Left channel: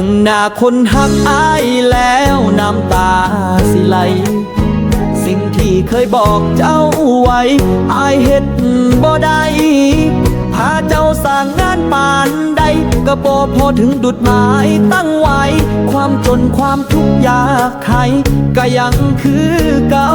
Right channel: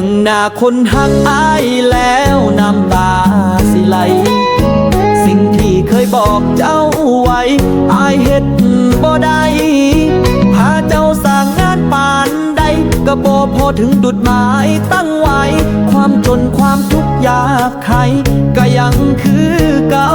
บิ่งหน้าคนหักอายแล้วน้ำตาสิไหล สิ่งที่เคยบอกเจ้าไว้อายเฮ็ดบ่ได้พาเจ้าสร้างงานปานใดก็บ่พอถึงดุดหมายตั้งไว้ ความจนความทุกข์ยากใครก็ยังคือเก่า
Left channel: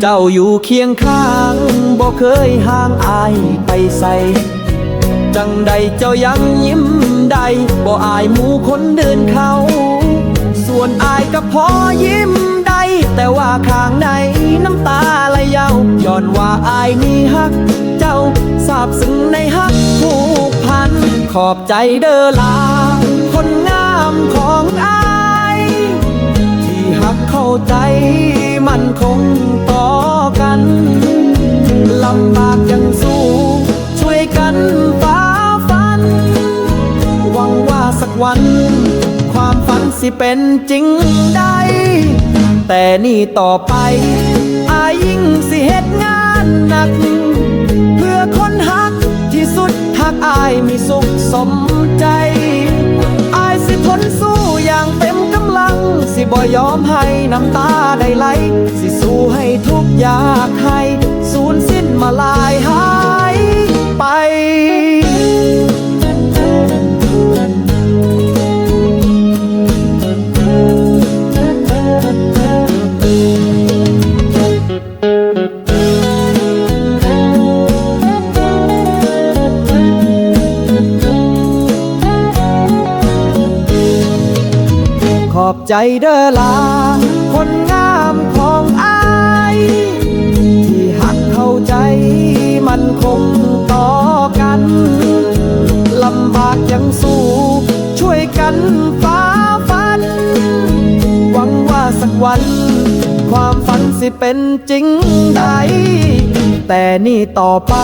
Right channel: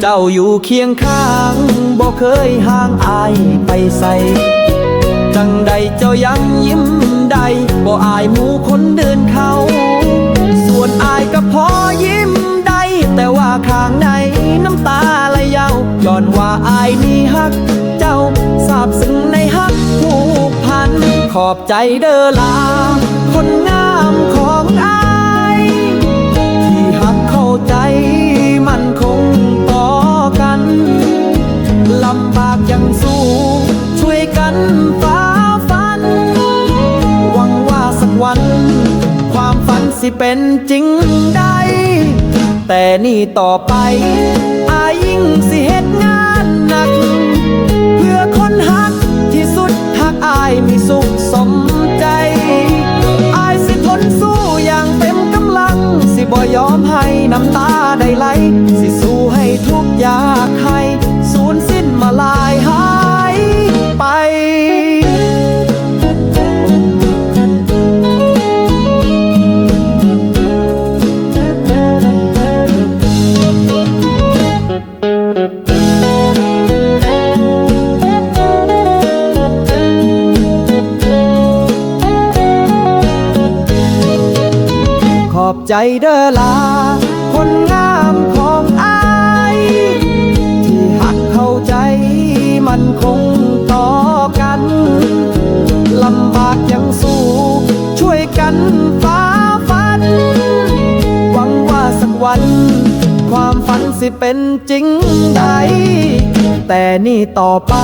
เจ้าอยู่เคียงข้างบ่เคยห่างอายไปใส่จังใดเจ้ายังยิ้มได้บ่อายหมู่คนเดินเขา ส่วนอายก็พอยิ้มได้ แต่ว่าข้างในน้ำตาไหลเยาวย้อนว่าอายนี่ฮัก เจ้าสาบซึ้งในฮักผูกพัน ขอบใจเด้อลา คนงามของอาย ที่หักเข้าใจมันคง กันลำบากยังสู้ ช่วยกันฝ่าฟัน หวังว่าสักวัน ความฝันสิเป็นจริงได้ แต่นี่ต่อไป อายิ่งสิเหตุงานหนัก เพื่อคนหักที่สุดหักอายมีสุขสมใจ อายสิทนสู้อย่างเต็มกำลังสิ บ่ยอมให้น้ำตาได้ไหล สิสู้ให้ทุกอยากให้ สูญสิ้นมาลา อบใจเด้อลา คนงามของอายที่หักเข้าใจมันคงต่อกันลำบากยังสู้ ช่วยกันฝ่าฟัน หวังว่าสักวัน ความฝันสิเป็นจริงได้แต่นี่ต่อไป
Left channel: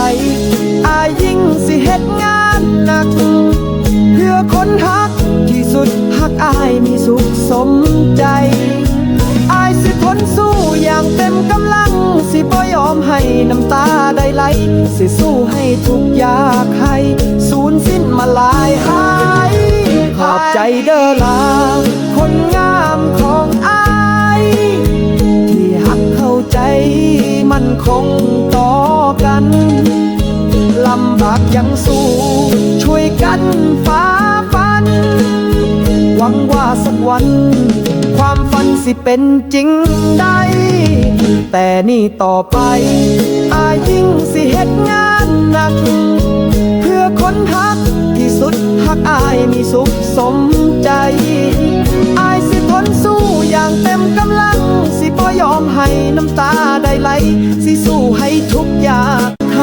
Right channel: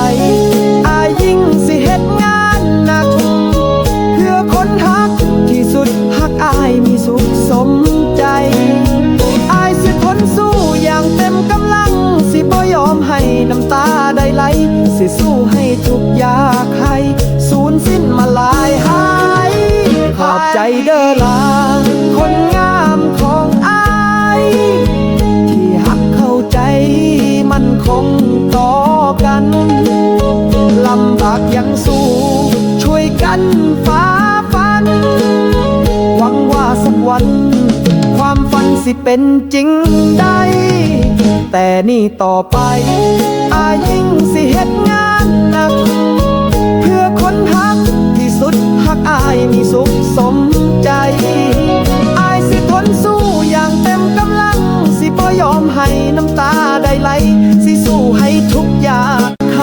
อายิ่งสิเฮ็ดงานหนัก หักอายมีสุขสมใจ อายสิทนสู้อย่างเต็มกำลัง สิบ่ยอมให้น้ำตาได้ไหล สิสู้ให้ทุกอยากให้สูญสิ้นมาลายหายขอบใจเด้อลา คนงามของอาย ที่หักเข้าใจมันคงต่อกันลำบากยังสู้ ช่วยกันฝ่าฟันห วังว่าสักวัน ความฝันสิเป็นจริงได้ แต่นี่ต่อไป อายิ่งสิเฮ็ดงานหนัก เพื่อคนหักที่สุดหักอายมีสุขสมใจ อายสิทนสู้อย่างเต็มกำลัง สิบ่ยอมให้น้ำตาได้ไหล สิสู้ให้ทุกอย่ากให